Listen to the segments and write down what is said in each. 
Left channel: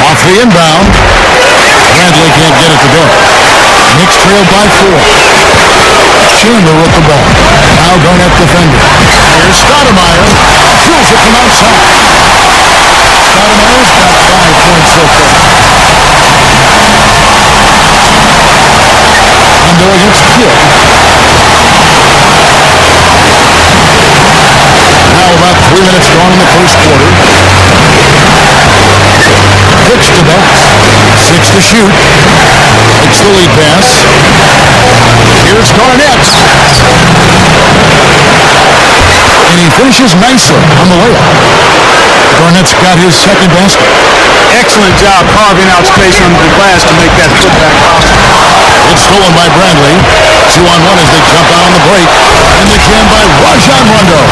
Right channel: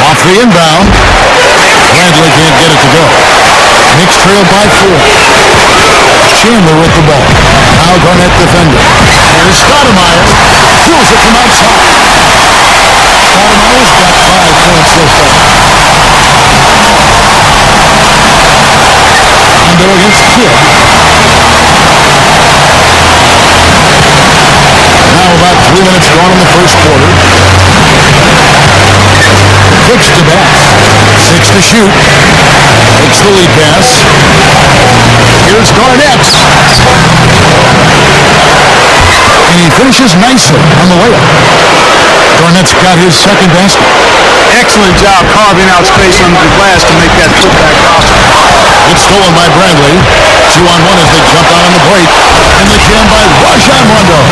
Off the inbound. Bradley can't get it to go. Knicks trailed by 4. Chandler with the ball. Now Garnett defending. Here's Stoudemire. Drills it from outside. Stoudemire's got 5 points so far. Rondo against Kidd. Now about 3 minutes gone in the first quarter. Kicks to Bass. 6 to shoot. Takes the lead pass. Here's Garnett. And he finishes nicely on the layup. Garnett's got his second basket. Excellent job carving out space under the glass to make that putback possible. It's stolen by Bradley. 2-on-1 as they jump out on the break. And the jam by Rajon Rondo.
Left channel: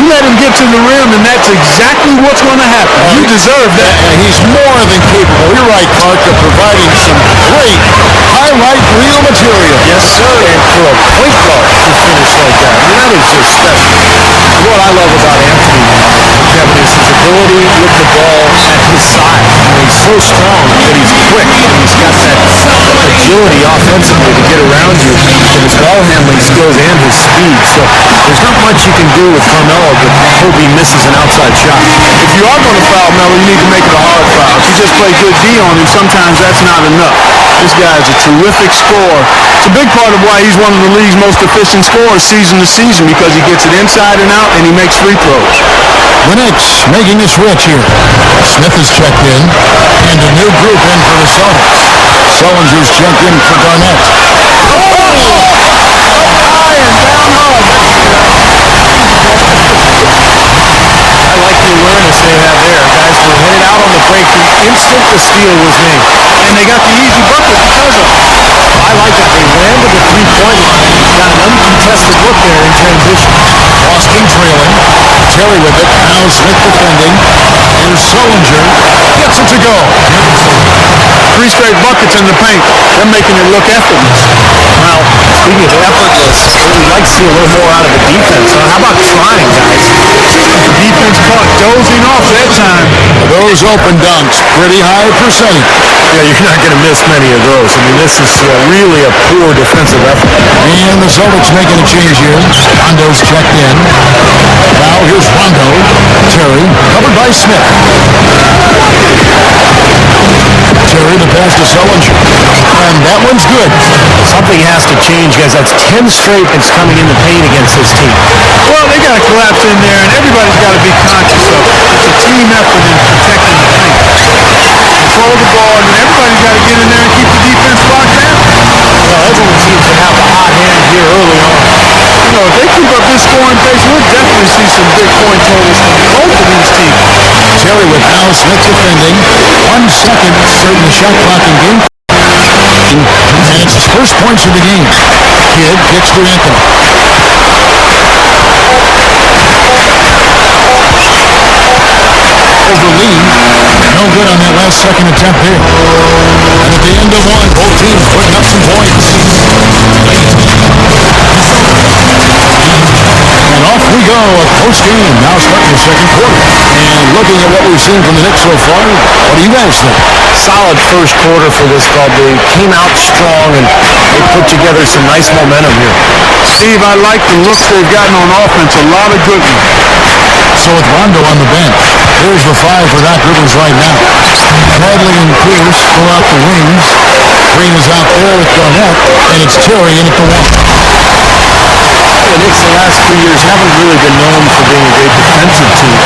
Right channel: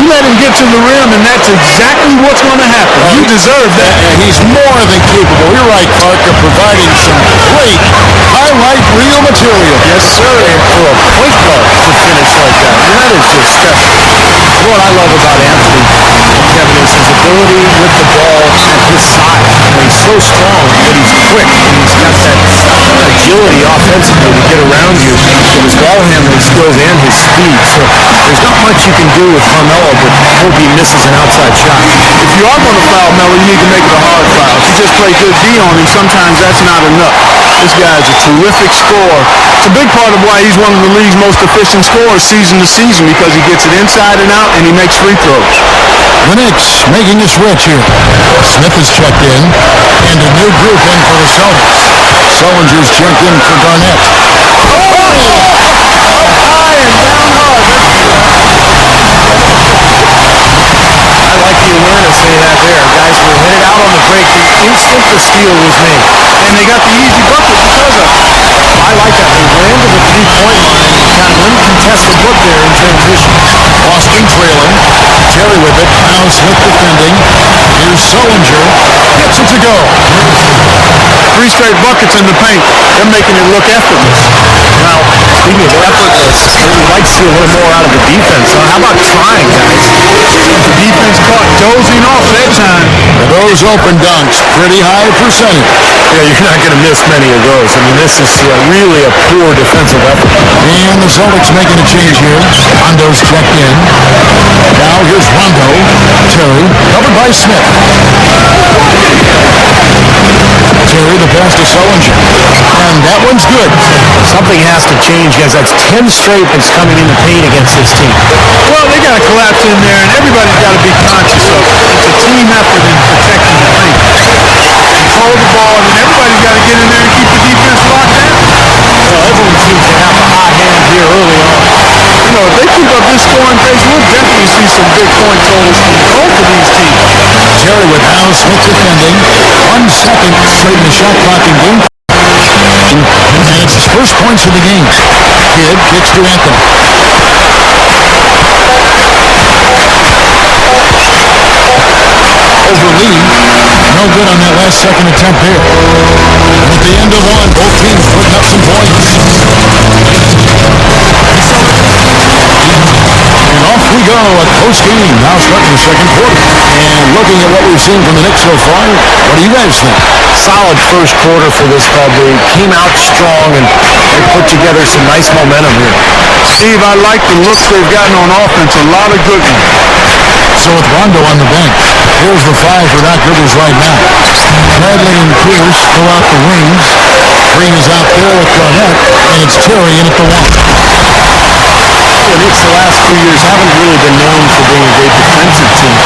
You let him get to the rim, and that's exactly what's going to happen. You deserve that. He's more than capable. You're right, Clark, of providing some great highlight reel material. Yes, sir. And for a point guard to finish like that, I mean, that is just special. You know what I love about Anthony, Kevin, is his ability with the ball at his side. You know, he's so strong, but he's quick, and he's got that agility offensively to get around you with his ball handling skills and his speed. So there's not much you can do with Carmelo, but hope he misses an outside shot. If you are going to foul Melo, you need to make it a hard foul. If you just play good D on him, sometimes that's not enough. This guy is a terrific scorer. It's a big part of why he's one of the league's most efficient scorers season to season, because he gets it inside and out and he makes free throws. The Knicks making a switch here. Smith is checked in, and a new group in for the Celtics. Sullinger's checked in for Garnett. Up high and down hard. I like the awareness they had there. Guys were headed out on the break the instant the steal was made. And they got the easy bucket because of it. I like that. They ran to the three-point line and got an uncontested look there in transition. Boston trailing. Terry with it. Now Smith defending. Here's Sullinger. Gets it to go. 3 straight buckets in the paint. They're making it look effortless. Well, speaking of effortless, we'd like to see a little more out of the defense. How about trying, guys? The defense caught dozing off that time. Now those open dunks, pretty high percentage. Yeah, you're not going to miss many of those. I mean, this is really a poor defensive effort. And the Celtics making a change here. Rondo's checked in. Now here's Rondo. Terry, covered by Smith. Terry, the pass to Sullinger. And that one's good. Something has to change, guys. That's 10 straight points coming in the paint against this team. Well, they got to collapse in there, and everybody's got to be conscious of it. It's a team effort in protecting the paint. Control the ball, and then everybody's got to get in there and keep the defense locked down. Well, everyone seems to have the hot hand here early on. You know, if they keep up this scoring pace, we'll definitely see some big point totals from both of these teams. Terry with Al Smith defending. 1 second starting the shot clock in game. And it's his first points of the game. Kidd kicks to Anthony. Over Lee. No good on that last second attempt there. And at the end of one, both teams putting up some points. And off we go, a close game, now starting the second quarter. And looking at what we've seen from the Knicks so far, what do you guys think? Solid first quarter for this club. They came out strong and they put together some nice momentum here. Steve, I like the looks they've gotten on offense, a lot of good ones. So with Rondo on the bench, here's the 5 for Doc Rivers right now. Bradley and Pierce pull out the wings. Green is out there with Garnett, and it's Terry in at the 1. The Knicks the last few years haven't really been known for being a great defensive team.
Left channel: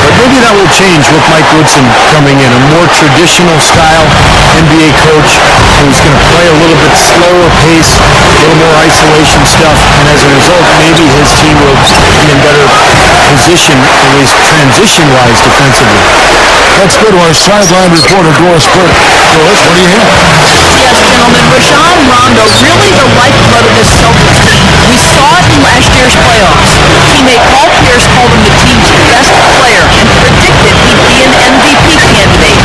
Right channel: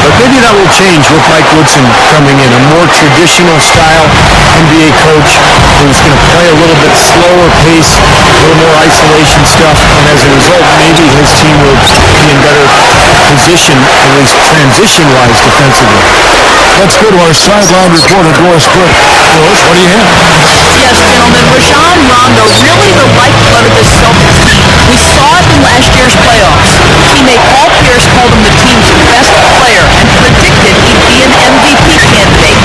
But maybe that will change with Mike Woodson coming in. A more traditional style NBA coach who's going to play a little bit slower pace, a little more isolation stuff. And as a result, maybe his team will be in better position, at least transition-wise, defensively. Let's go to our sideline reporter, Doris Burke. Doris, what do you have? Yes, gentlemen, Rajon Rondo, really the lifeblood of this Celtics team. We saw it in last year's playoffs. Teammate Paul Pierce called him the team's best player and predicted he'd be an MVP candidate.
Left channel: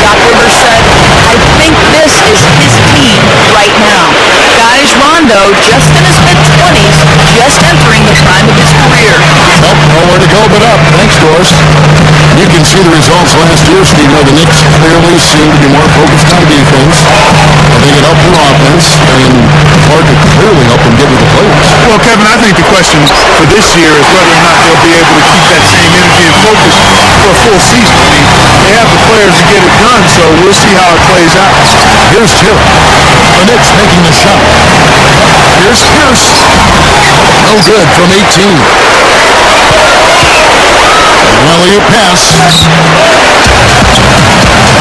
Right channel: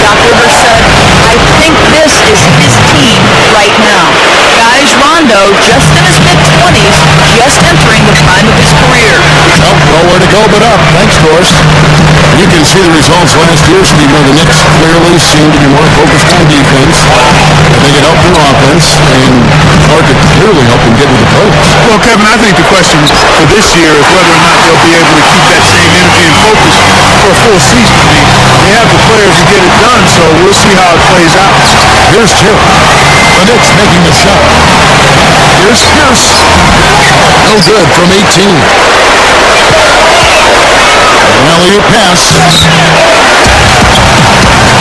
Doc Rivers said, I think this is his team right now. Guys, Rondo, just in his mid-20s, just entering the prime of his career. Nope, nowhere to go but up. Thanks, Doris. You can see the results last year, Steve. The Knicks clearly seem to be more focused on defense. I think it helped their offense, and part it clearly helped them get into the playoffs. Well, Kevin, I think the question for this year is whether or not they'll be able to keep that same energy and focus for a full season. I mean, they have the players to get it done, so we'll see how it plays out. Here's Terry. The Knicks making the shot. Here's Pierce. No good from 18. An alley-oop pass.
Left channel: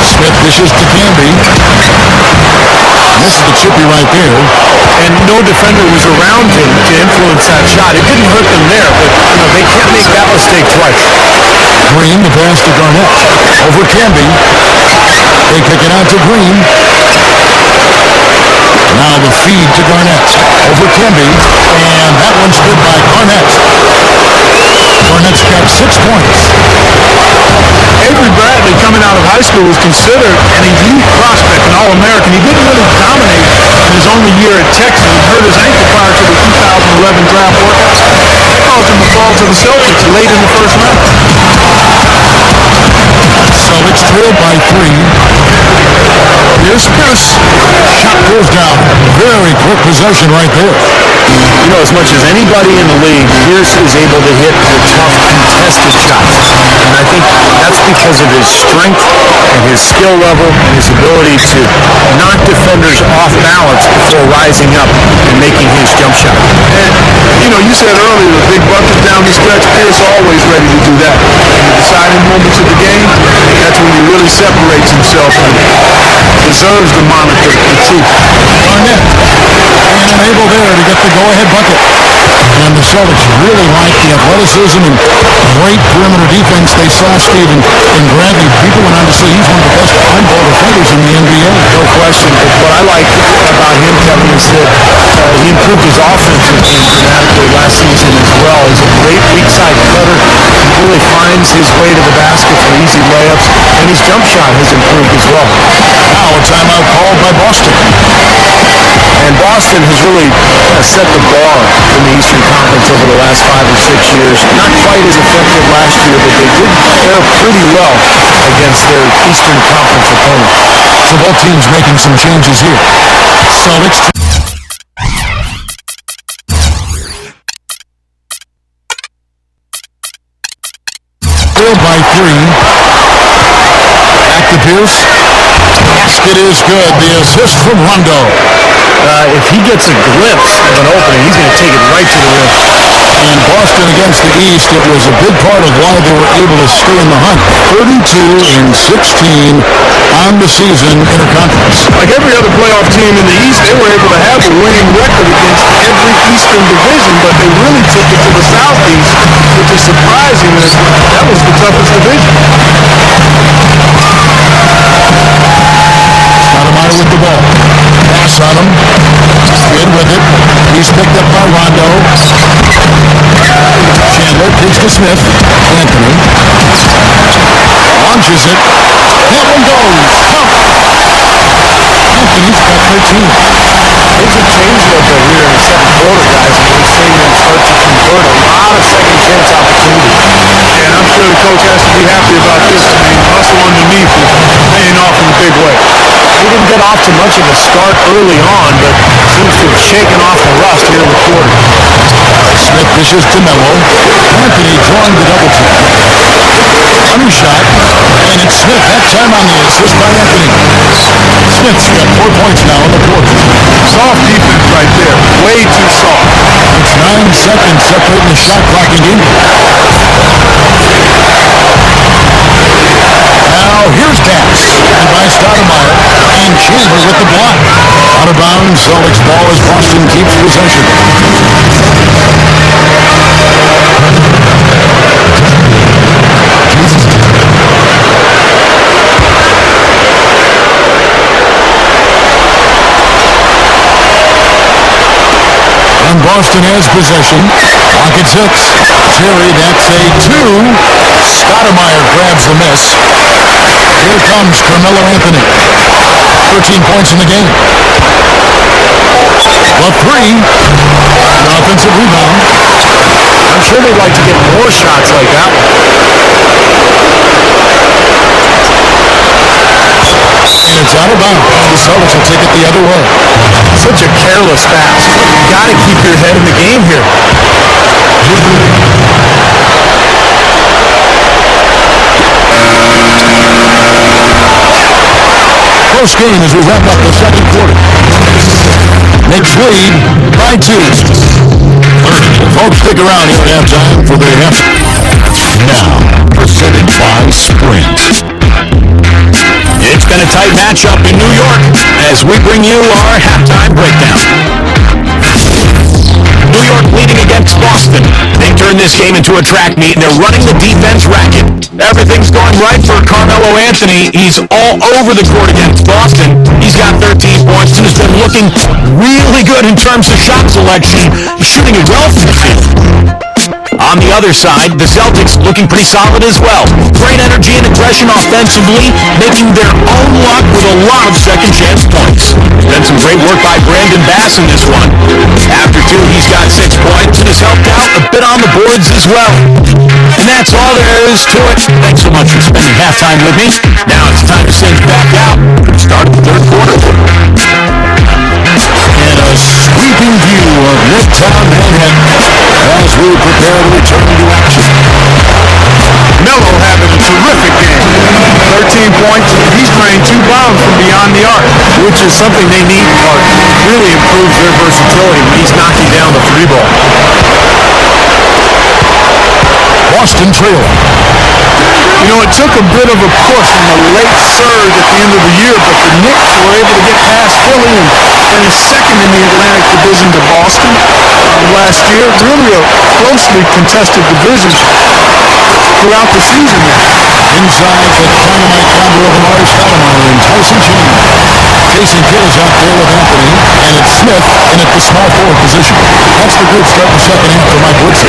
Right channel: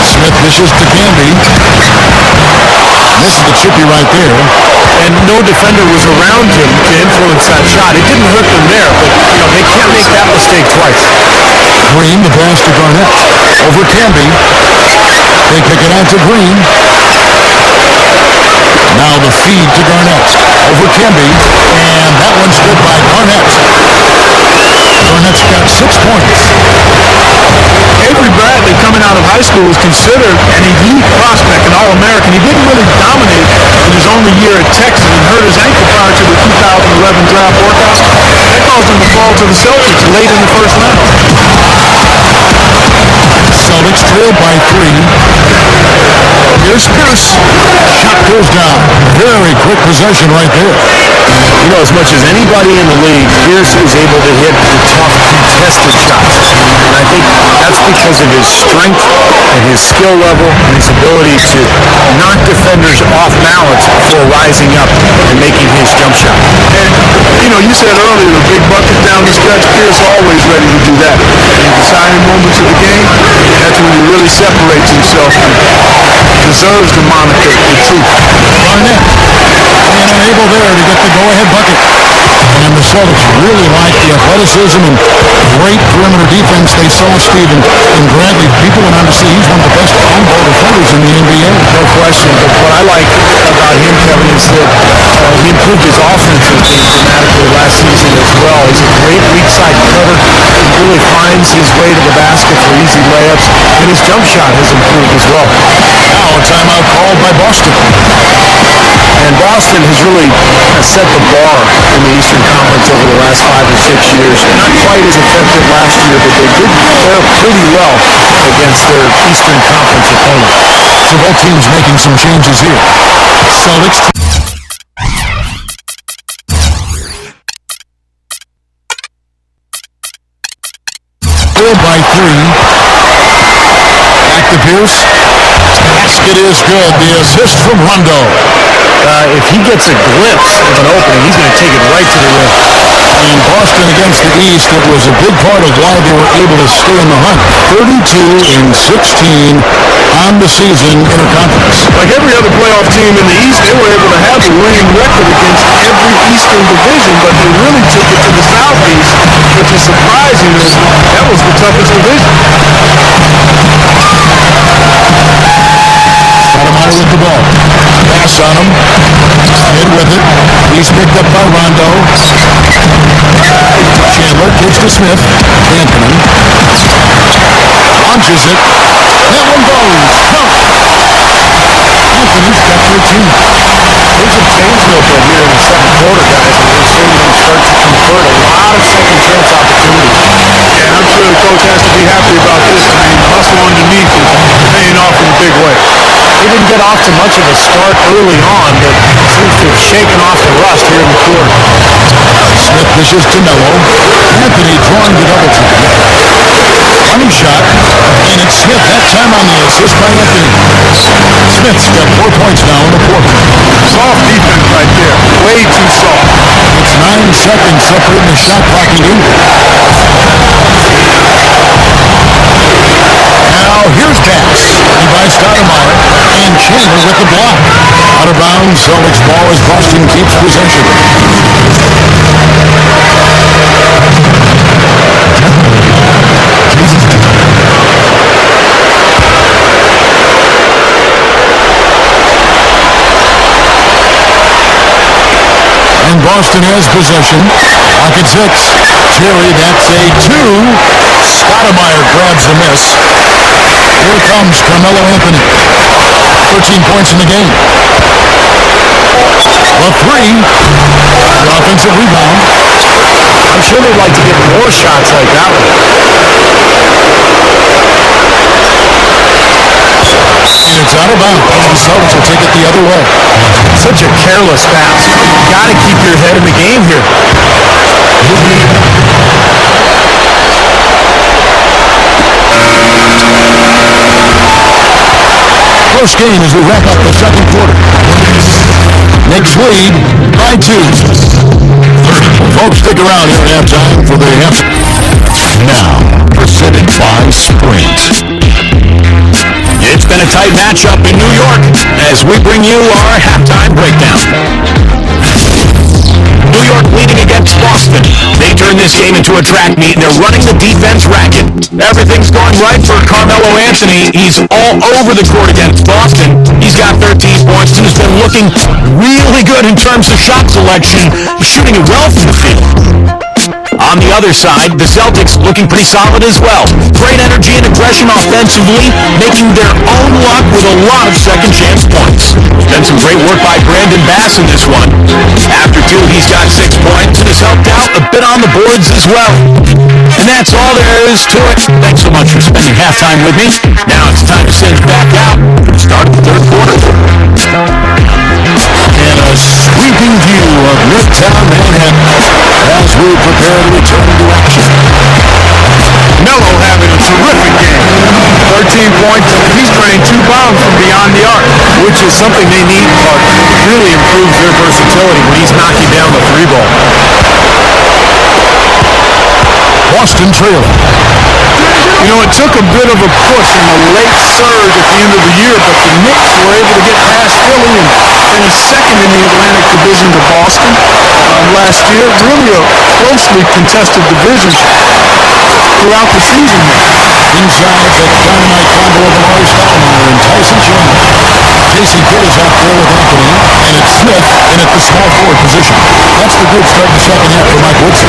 Smith dishes to Camby. Misses the chippy right there. And no defender was around him to influence that shot. It didn't hurt them there, but, they can't make that mistake twice. Green, the pass to Garnett. Over Camby. They kick it out to Green. Now the feed to Garnett. Over Camby. And that one's good by Garnett. Garnett's got 6 points. Avery Bradley, coming out of high school, was considered an elite prospect, an All-American. He didn't really dominate in his only year at Texas and hurt his ankle prior to the 2011 draft workout. That caused him to fall to the Celtics late in the first round. Celtics trailed by 3. Here's Pierce. Shot goes down. Very quick possession right there. As much as anybody in the league, Pierce is able to hit the tough, contested shots. And I think that's because of his strength and his skill level and his ability to knock defenders off balance before rising up and making his jump shot. And, you said earlier, the big bucket down the stretch, Pierce always ready to do that. In the deciding moments of the game, that's when he really separates himself and deserves the moniker, the truth. Garnett. And unable there to get the go-ahead bucket. And the Celtics really like the athleticism and great perimeter defense they saw, Stephen, in Bradley. People went on to say he's one of the best on-ball defenders in the NBA. No question. But what I like about him, Kevin, is that he improved his offensive game dramatically last season as well. He's a great weak-side cutter. He really finds his way to the basket for easy layups. And his jump shot has improved as well. Now a timeout called by Boston. And Boston has really kind of set the bar in the Eastern Conference over the last 5 or 6 years. Not quite as effective last year, but they did fare pretty well against their Eastern Conference opponents. So both teams making some changes here. Celtics trailed by 3. Back to Pierce. Basket is good. The assist from Rondo. If he gets a glimpse of an opening, he's going to take it right to the rim. And Boston against the East, it was a big part of why they were able to stay in the hunt. 32-16 on the season interconference. Like every other playoff team in the East, they were able to have a winning record against every Eastern division, but they really took it to the Southeast, which is surprising as that was the toughest division. Stoudemire with the ball. Pass on him. Kidd with it. He's picked up by Rondo. Chandler kicks to Smith. Anthony launches it. That one goes. Count. Anthony's got 13. Things have changed a little bit here in the second quarter, guys, and we're seeing them start to convert a lot of second chance opportunities. Yeah, and I'm sure the coach has to be happy about this. I mean, the hustle underneath is paying off in a big way. He didn't get off to much of a start early on, but seems to have shaken off the rust here in the quarter. Smith dishes to Melo. Anthony drawing the double team. Running shot, and it's Smith that time on the assist by Anthony. Smith's got 4 points now in the quarter. Soft defense right there. Way too soft. It's 9 seconds separating the shot clock and game. Now here's Bass, and by Stoudemire, and Chandler with the block. Out of bounds, Celtics ball as Boston keeps possession. And Boston has possession. Clock at 6. Terry, that's a 2. Stoudemire grabs the miss. Here comes Carmelo Anthony. 13 points in the game. The 3. The offensive rebound. I'm sure they'd like to get more shots like that one. And it's out of bounds. The Celtics will take it the other way. Such a careless pass. You got to keep your head in the game here. Close game as we wrap up the second quarter. Knicks lead by 2. Well, folks, stick around here at halftime for the half. Now, presented by Sprint. It's been a tight matchup in New York as we bring you our halftime breakdown. New York leading against Boston. They turn this game into a track meet, and they're running the defense racket. Everything's going right for Carmelo Anthony. He's all over the court against Boston. He's got 13 points and has been looking really good in terms of shot selection. He's shooting it well from the field. On the other side, the Celtics looking pretty solid as well. Great energy and aggression offensively, making their own luck with a lot of second chance points. There's been some great work by Brandon Bass in this one. After 2, he's got 6 points and has helped out a bit on the boards as well. And that's all there is to it. Thanks so much for spending halftime with me. Now it's time to send back out for the start of the third quarter. And a sweeping view of Midtown Manhattan as we prepare to return to action. Melo having a terrific game. 13 points, and he's drained 2 bombs from beyond the arc. Which is something they need, Clark. It really improves their versatility when he's knocking down the 3 ball. Boston trailing. You know, it took a bit of a push in the late surge at the end of the year, but the Knicks were able to get past Philly and finish second in the Atlantic Division to Boston last year. Really a closely contested division throughout the season there. Inside the dynamite combo of Amari Stoudemire and Tyson Chandler. Jason Kidd is out there with Anthony, and it's Smith in at the small forward position. That's the group start the second half for Mike Woodson.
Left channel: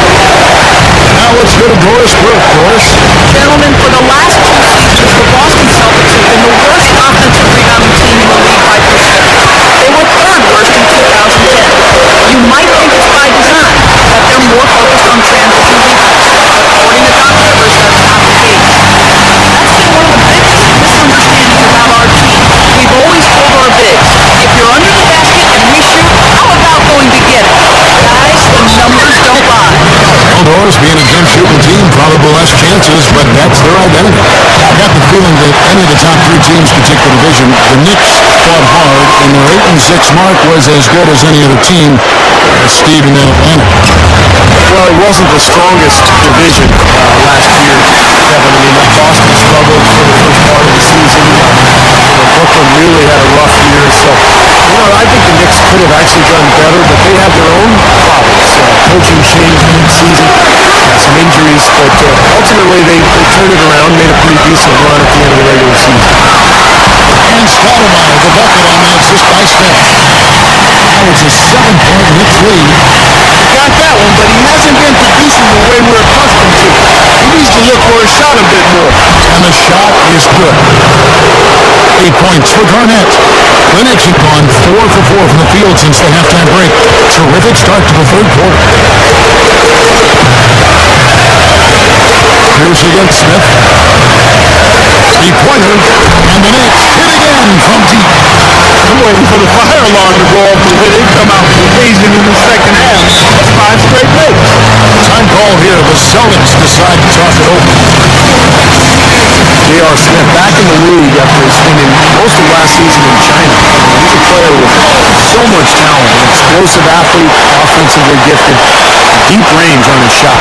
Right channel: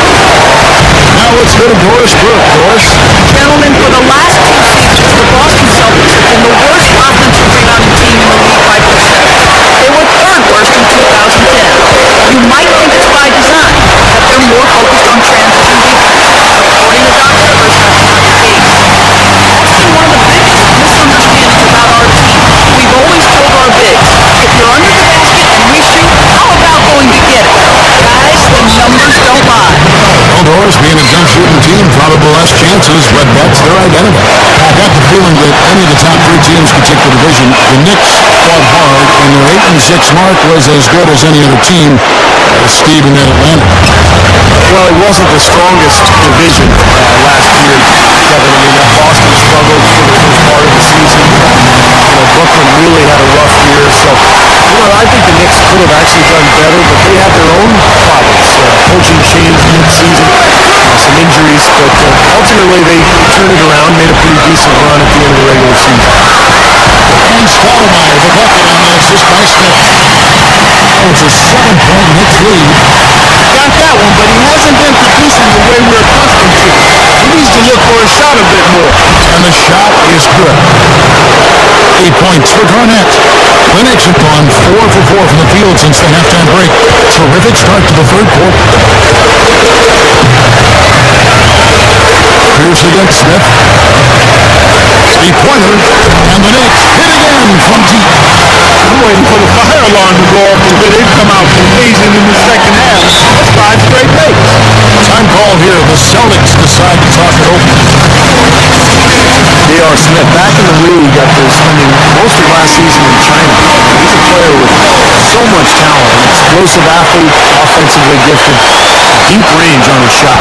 Now let's go to Doris Burke. Doris? Gentlemen, for the last 2 seasons, the Boston Celtics have been the worst offensive rebounding team in the league by percentage. They were 3rd worst in 2010. You might think it's by design, that they're more focused on transition defense, but according to Doc Rivers, that's not the case. That's been one of the biggest misunderstandings about our team. We've always told our bigs, if you're under the basket and we shoot, how about going to get it? Guys, the numbers don't lie. Well, Doris, being a jump shooting team, probably less chances, but that's their identity. I got the feeling that any of the top 3 teams could take the division. The Knicks fought hard, and their 8-6 mark was as good as any other team, Steve, in Atlanta. Well, it wasn't the strongest division last year, Kevin. I mean, Boston struggled for the first part of the season. Brooklyn really had a rough year. So, I think the Knicks could have actually done better, but they had their own problems. Coaching change mid-season, some injuries, but ultimately they turned it around, made a pretty decent run at the end of the regular season. And Stoudemire, the bucket on the assist by Smith. Now it's a 7-point Knicks lead. He got that one, but he hasn't been producing the way we're accustomed to. He needs to look for his shot a bit more. And the shot is good. 8 points for Garnett. The Knicks have gone 4 for 4 from the field since the halftime break. Terrific start to the third quarter. Pierce against Smith. 3-pointer. And the Knicks hit again from deep. I'm waiting for the fire alarm to go off the way they've come out blazing in the second half. That's 5 straight makes. Time call here. The Celtics decide to talk it over. J.R. Smith back in the league after spending most of last season in China. He's a player with so much talent, an explosive athlete, offensively gifted, deep range on his shot.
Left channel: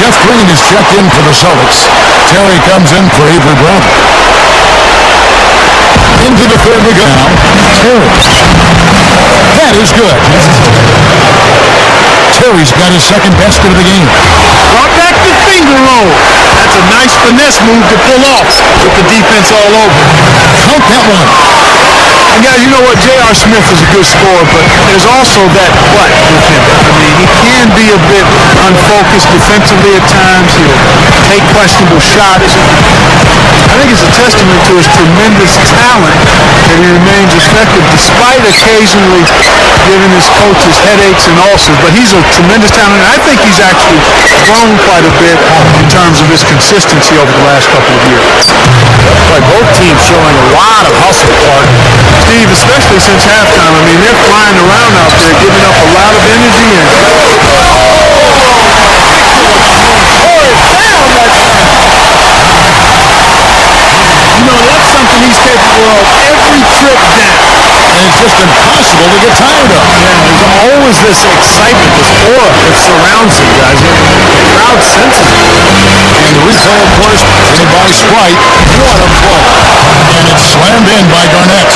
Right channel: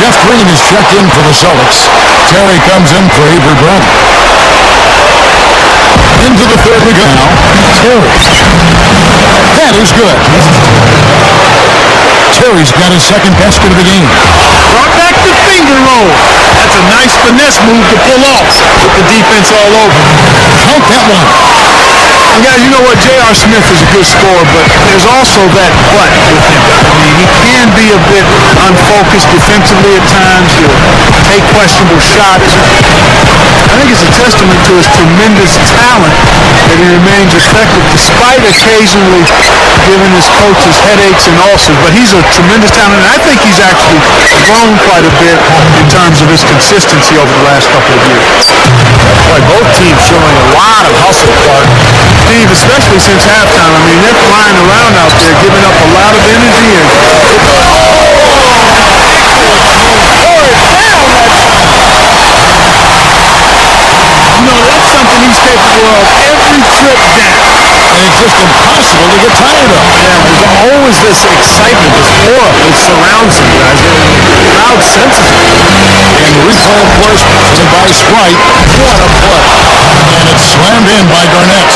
Jeff Green is checked in for the Celtics. Terry comes in for Avery Bradley. Into the third we go now. Terry. That is good. Terry's got his second basket of the game. Brought back the finger roll. That's a nice finesse move to pull off with the defense all over. Count that one. And guys, you know what? J.R. Smith is a good scorer, but there's also that but with him. I mean, he can be a bit unfocused defensively at times. He'll take questionable shots. I think it's a testament to his tremendous talent that he remains effective despite occasionally giving his coaches headaches and ulcers. But he's a tremendous talent, and I think he's actually grown quite a bit in terms of his consistency over the last couple of years. Boy, both teams showing a lot of hustle, Clark. Steve, especially since halftime, I mean, they're flying around out there, giving up a lot of energy. And Down that time. you know, that's something he's capable of every trip down. And it's just impossible to get tired of. Yeah, there's always this excitement, this aura that surrounds him, guys. And the crowd senses it. And the replay, of course, presented by Sprite. What a play. And it's slammed in by Garnett.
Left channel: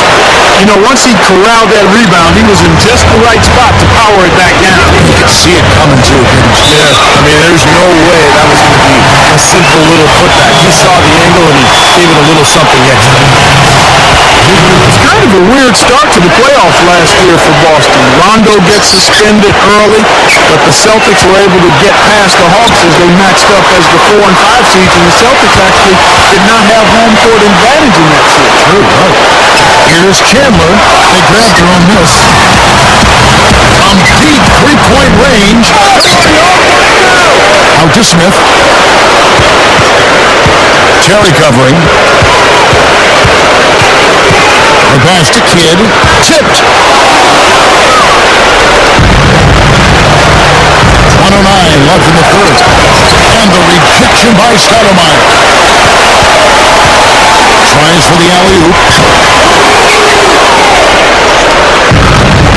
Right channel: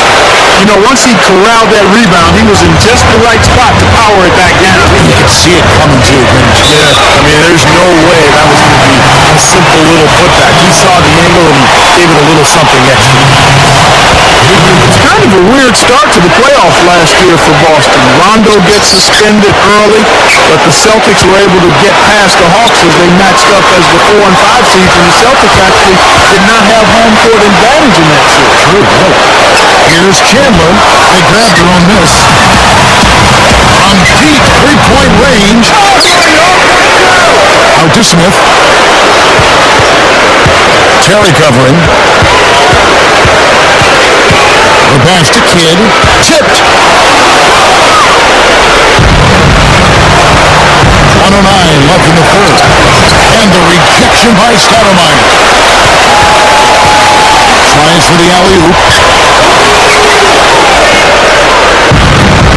You know, once he corralled that rebound, he was in just the right spot to power it back down. You could see it coming too, couldn't you? Yeah, I mean, there's no way that was going to be a simple little putback. He saw the angle and he gave it a little something extra. It's kind of a weird start to the playoffs last year for Boston. Rondo gets suspended early, but the Celtics were able to get past the Hawks as they matched up as the 4 and 5 seeds, and the Celtics actually did not have home court advantage in that series. True, right. Here's Chandler. They grabbed their own miss. From deep three-point range. Out to Smith. Terry covering. The pass to Kidd. Tipped. 109 left in the third. And the rejection by Stoudemire. Tries for the alley-oop.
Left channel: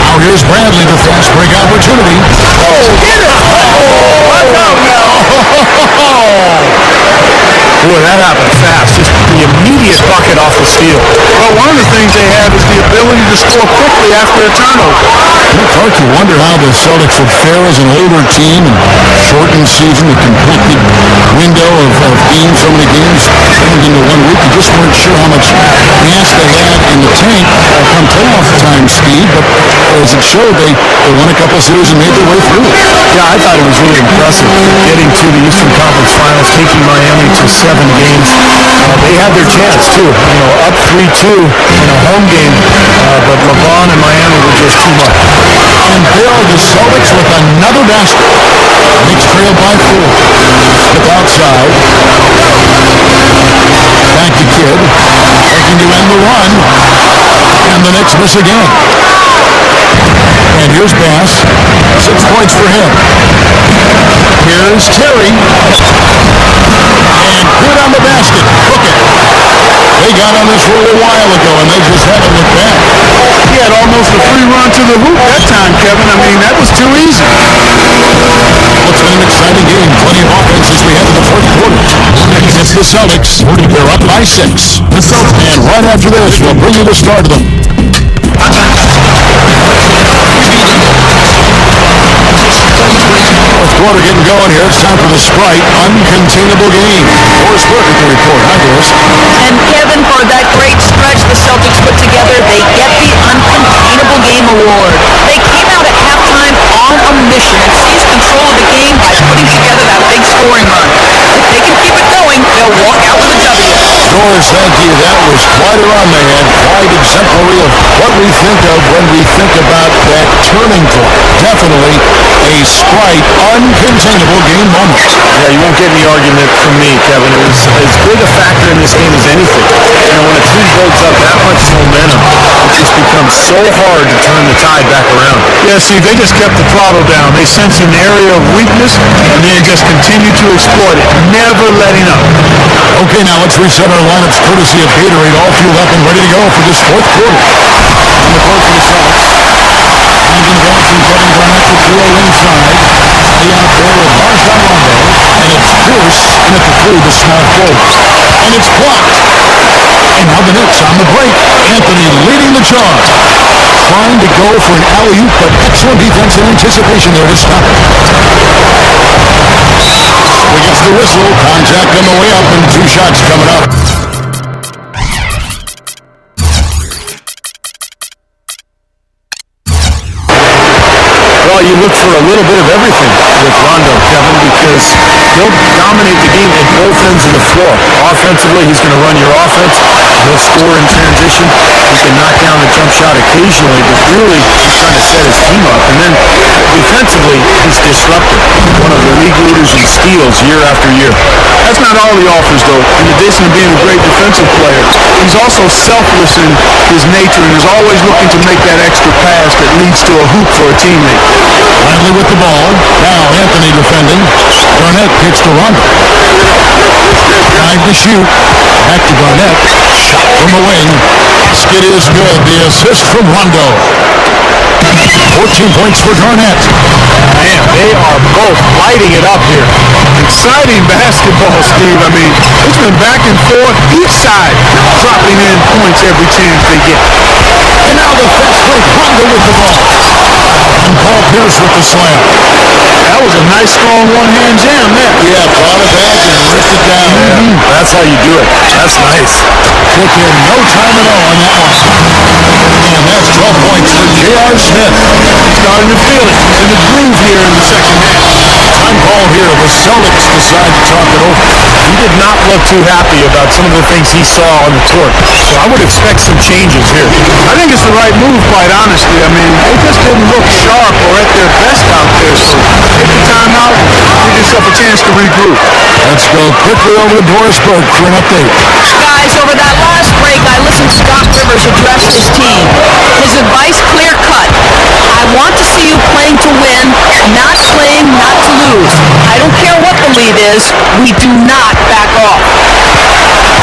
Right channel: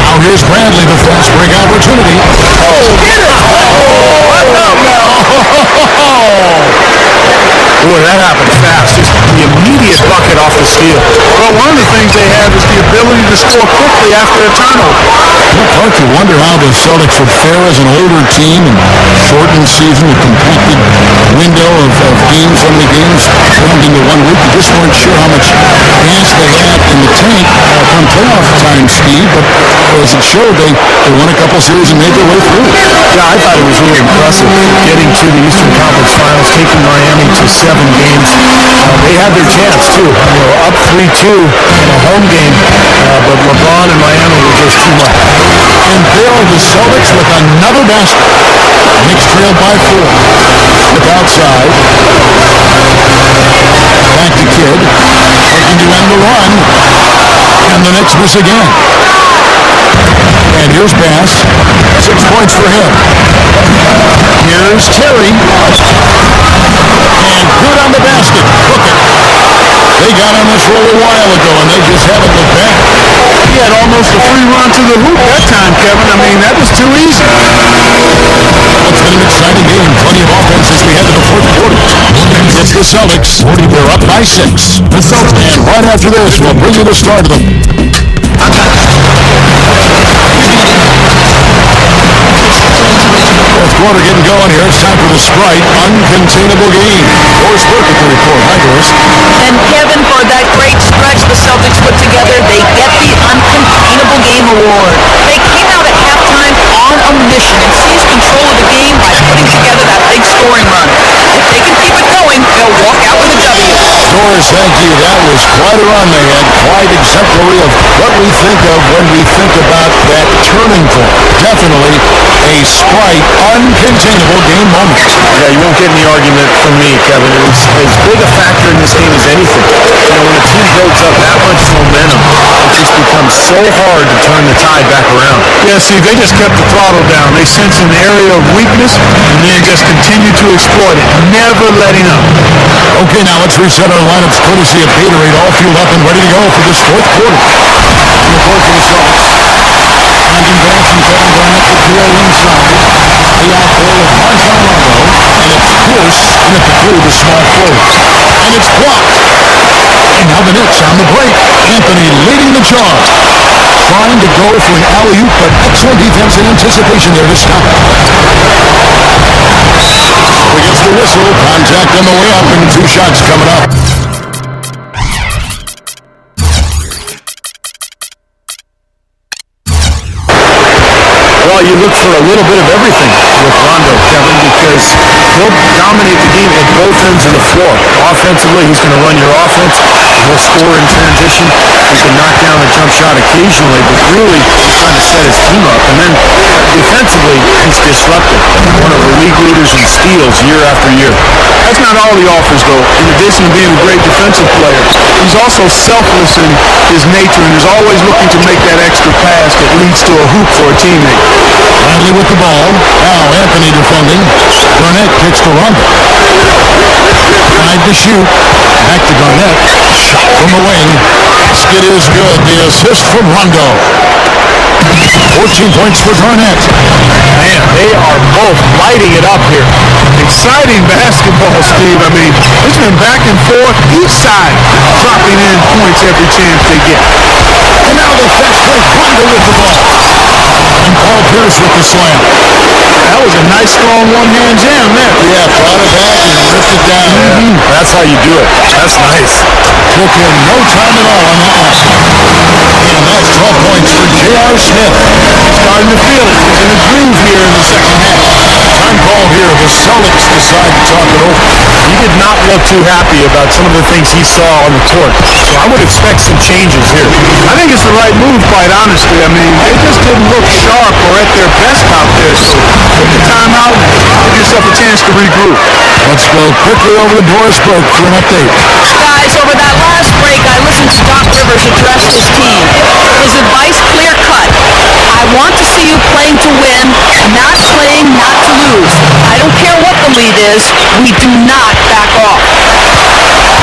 Now here's Bradley, the fast break opportunity. Oh, get it! Oh, watch out now! Boy, that happened fast. Just the immediate bucket off the steal. Well, one of the things they have is the ability to score quickly after a turnover. Well, Clark, you wonder how the Celtics would fare as an older team and shortened season, a compacted window of games, so many games crammed into 1 week. You just weren't sure how much gas they had in the tank come playoff time, Steve, but as it showed, they won a couple series and made their way through. Yeah, I thought it was really impressive getting to the Eastern Conference Finals, taking Miami to 7 games. They had their chance, too. You know, up 3-2 in a home game, but LeBron and Miami were just too much. And there are the Celtics with another basket. Knicks trailed by 4. Smith outside. Back to Kidd. Looking to end the run. And the Knicks miss again. And here's Bass. 6 points for him. Here's Terry. And good on the basket. Book it. They got on this roll a while ago, and they just haven't looked back. He had almost a free run to the hoop that time, Kevin. I mean, that was too easy. Well, it's been an exciting game. Plenty of offense as we head to the fourth quarter. It's the Celtics. They're up by 6. And right after this, we'll bring you the start of them. Fourth quarter getting going here. It's time for the Sprite Uncontainable Game. Doris Burke with the report. Hi, Doris. And Kevin, for that great stretch the Celtics put together, they get the Uncontainable Game Award. They came out at halftime on a mission and seized control of the game by putting together that big scoring run. If they can keep it going, they'll walk out with a W. Doris, thank you. That was quite a run they had. Quite exemplary of what we think of when we think about that turning point. Definitely a Sprite Uncontainable Game moment. Yeah, you won't get any argument from me, Kevin. It was as big a factor in this game as anything. You know, when a team builds up that much momentum, it just becomes so hard to turn the tide back around. Yeah, see, they just kept the throttle down. They sensed an area of weakness and then just continued to exploit it, never letting up. Okay, now let's reset our lineups courtesy of Gatorade, all fueled up and ready to go for this fourth quarter. On the court for the Celtics. Brandon Bass and Kevin Garnett, the duo inside. They out there with Rajon Rondo, and it's Pierce in at the 3, the small forward. And it's blocked. And now the Knicks on the break. Anthony leading the charge. Trying to go for an alley-oop, but excellent defense and anticipation there to stop it. So he gets the whistle. Contact on the way up, and 2 shots coming up. Well, you look for a little bit of everything with Rondo, Kevin, because he'll dominate the game at both ends of the floor. Offensively, he's going to run your offense. He'll score in transition. He can knock down a jump shot occasionally, but really he's trying to set his team up. And then defensively, he's disruptive. One of the league leaders in steals year after year. That's not all he offers, though. In addition to being a great defensive player, he's also selfless in his nature and is always looking to make that extra pass that leads to a hoop for a teammate. Bradley with the ball. Now Anthony defending. Garnett kicks to Rondo. 5 to shoot. Back to Garnett. Shot from the wing. Basket is good. The assist from Rondo. 14 points for Garnett. Man, they are both lighting it up here. Exciting basketball, Steve. I mean, it's been back and forth, each side dropping in points every chance they get. And now the fast break. Rondo with the ball. And Paul Pierce with the slam. That was a nice, strong one-hand jam there. Yeah, brought it back and ripped it down. Yeah, that's how you do it. That's nice. Took him no time at all on that one. And that's 12 points for J.R. Smith. He's starting to feel it. He's in a groove here in the second half. Time called here. The Celtics decide to talk it over. He did not look too happy about some of the things he saw on the court. So I would expect some changes here. I think it's the right move, quite honestly. I mean, they just didn't look sharp or at their best out there. So take the time out and give yourself a chance to regroup. Let's go quickly over to Doris Burke for an update. Guys, over that last break, I listened to Doc Rivers address his team. His advice clear-cut. I want to see you playing to win, not playing not to lose. I don't care what the lead is. We do not back off.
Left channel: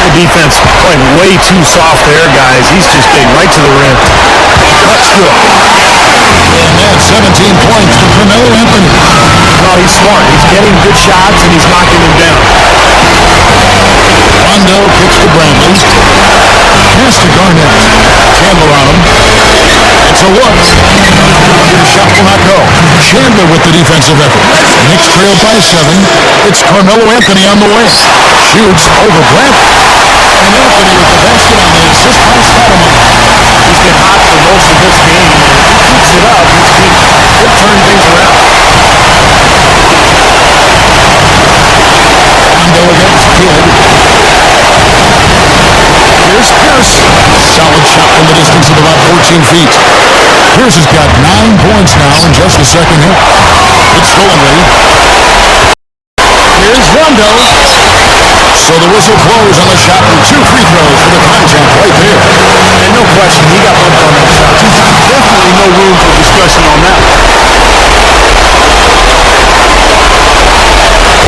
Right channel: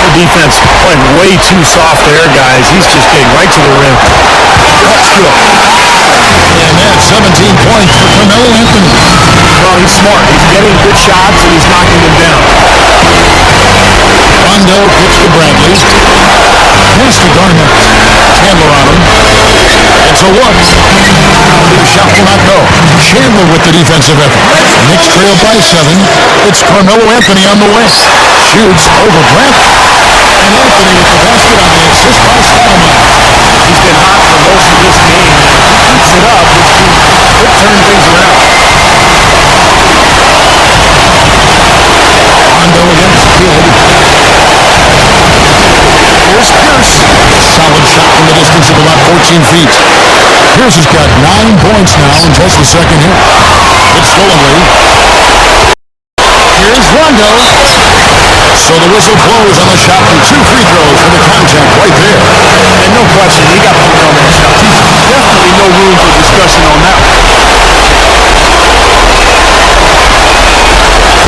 The defense playing way too soft there, guys. He's just getting right to the rim. That's good. And that's 17 points for Carmelo Anthony. Well, he's smart. He's getting good shots, and he's knocking them down. Rondo kicks to Bradley. Pass to Garnett. Chandler on him. It's a look. The shot will not go. Chandler with the defensive effort. Knicks trail by 7. It's Carmelo Anthony on the wing. Shoots over Bradley. And Anthony with the basket on the assist by Stoudemire. He's been hot for most of this game, and if he keeps it up, this team could turn things around. Rondo against Kidd. Here's Pierce. Solid shot from the distance of about 14 feet. Pierce has got 9 points now in just the second half. It's stolen lead. Here's Rondo. So the whistle blows on the shot and 2 free throws for the contact right there. And no question, he got bumped on that shot. Definitely no room for discussion on that one.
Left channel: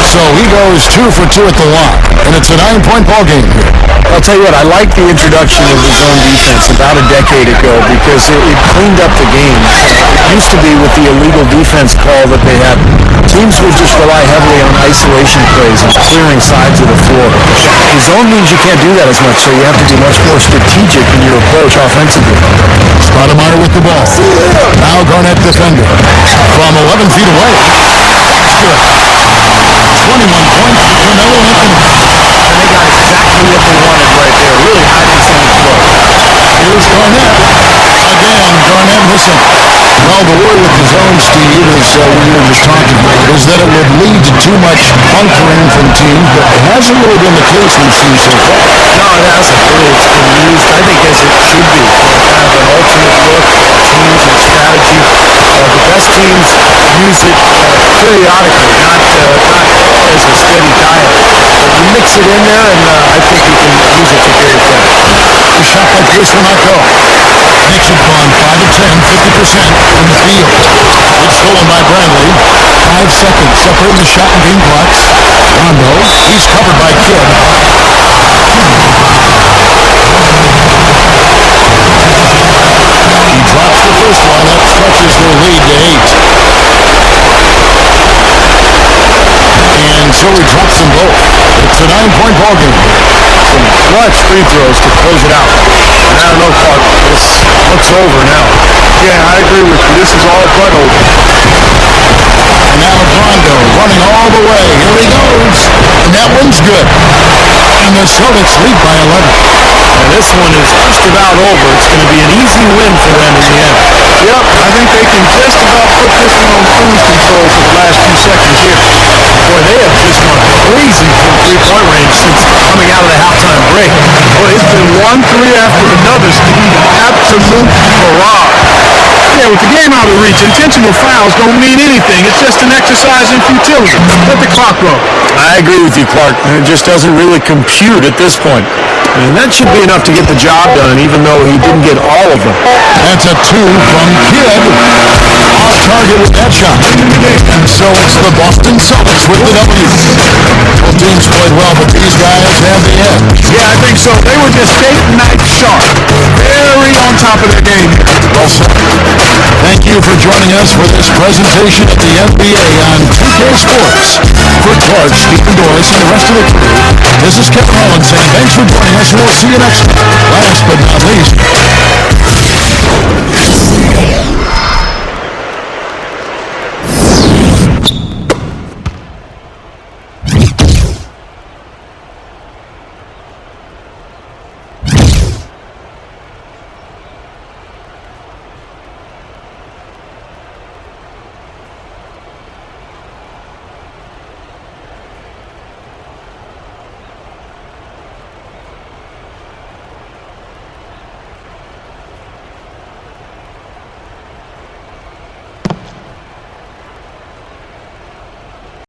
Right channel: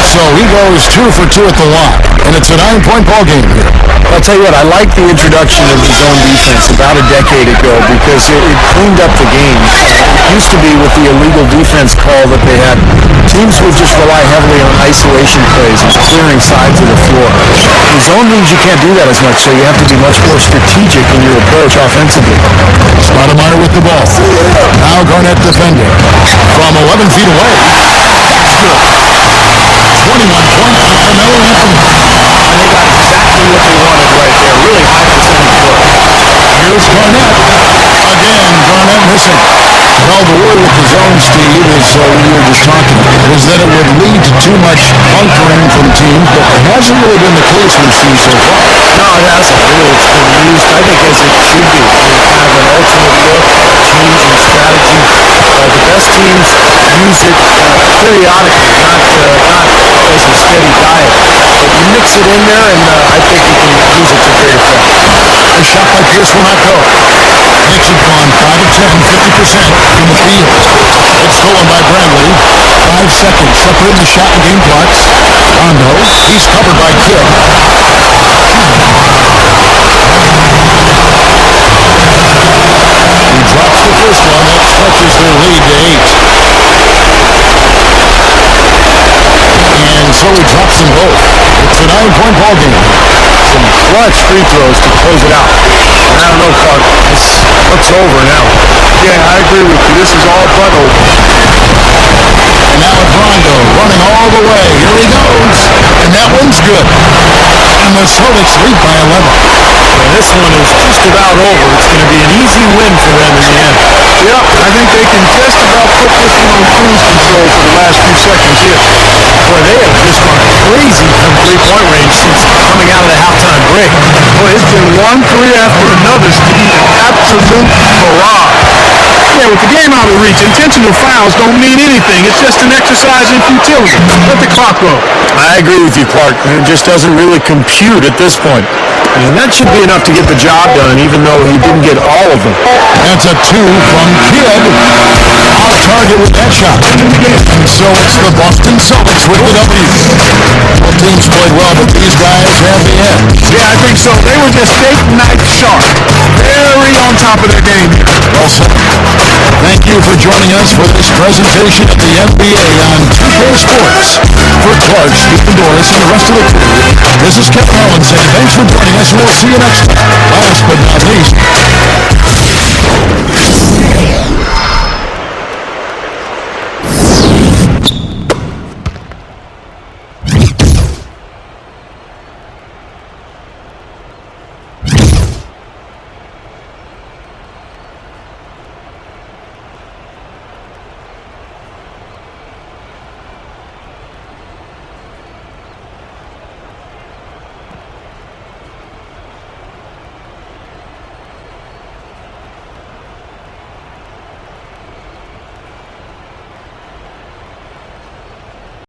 So he goes 2 for 2 at the line, and it's a 9-point ball game here. I'll tell you what, I like the introduction of the zone defense about a decade ago because it cleaned up the game. It used to be with the illegal defense call that they had. Teams would just rely heavily on isolation plays and clearing sides of the floor. The zone means you can't do that as much, so you have to be much more strategic in your approach offensively. Stoudemire with the ball. Now Garnett defending. From 11 feet away. That's good. 21 points for Carmelo Anthony. And they got exactly what they wanted right there. Really high percentage work. Here's Garnett. Again, Garnett missing. Well, the worry with the zone, Steve, is what you were just talking about, is that it would lead to too much bunkering from teams, but it hasn't really been the case we've seen so far. No, it hasn't. Really, it's been used, I think, as it should be. Kind of an alternate look, a change in strategy. The best teams use it periodically, not as a steady diet. But you mix it in there, and I think you can use it to great effect. The shot by Pierce will not go. Knicks have gone 5 of 10, 50% from the field. It's stolen by Bradley. 5 seconds separating the shot and game clocks. Rondo, he's covered by Kidd. He drops the first one. That stretches their lead to 8. And so he drops them both. It's a 9-point ball game here. Some clutch free throws to close it out. And I don't know, Clark, this looks over now. Yeah, I agree with you. This is all but over. And now it's Rondo running all the way. Here he goes. And that one's good. And the Celtics lead by 11. And this one is just about over. It's going to be an easy win for them in the end. Yep, I think they can just about put this one on cruise control for the last few seconds here. Boy, they have just gone crazy from three-point range since coming out of the halftime break. Boy, it's been one three after another, Steve, an absolute barrage. Yeah, with the game out of reach, intentional fouls don't mean anything. It's just an exercise in futility. Let the clock go. I agree with you, Clark. It just doesn't really compute at this point. And that should be enough to get the job done, even though he didn't get all of them. That's a 2 from Kidd. Off target with that shot. And so it's the Boston Celtics with the W. Both teams played well, but these guys have the edge. Yeah, I think so. They were just steak knife sharp. Very on top of their game here. Well said. Thank you for joining us for this presentation of the NBA on 2K Sports. For Clark, Stephen Doris, and the rest of the crew, this is Kevin Holland saying thanks for joining us, and we'll see you next time. Last but not least...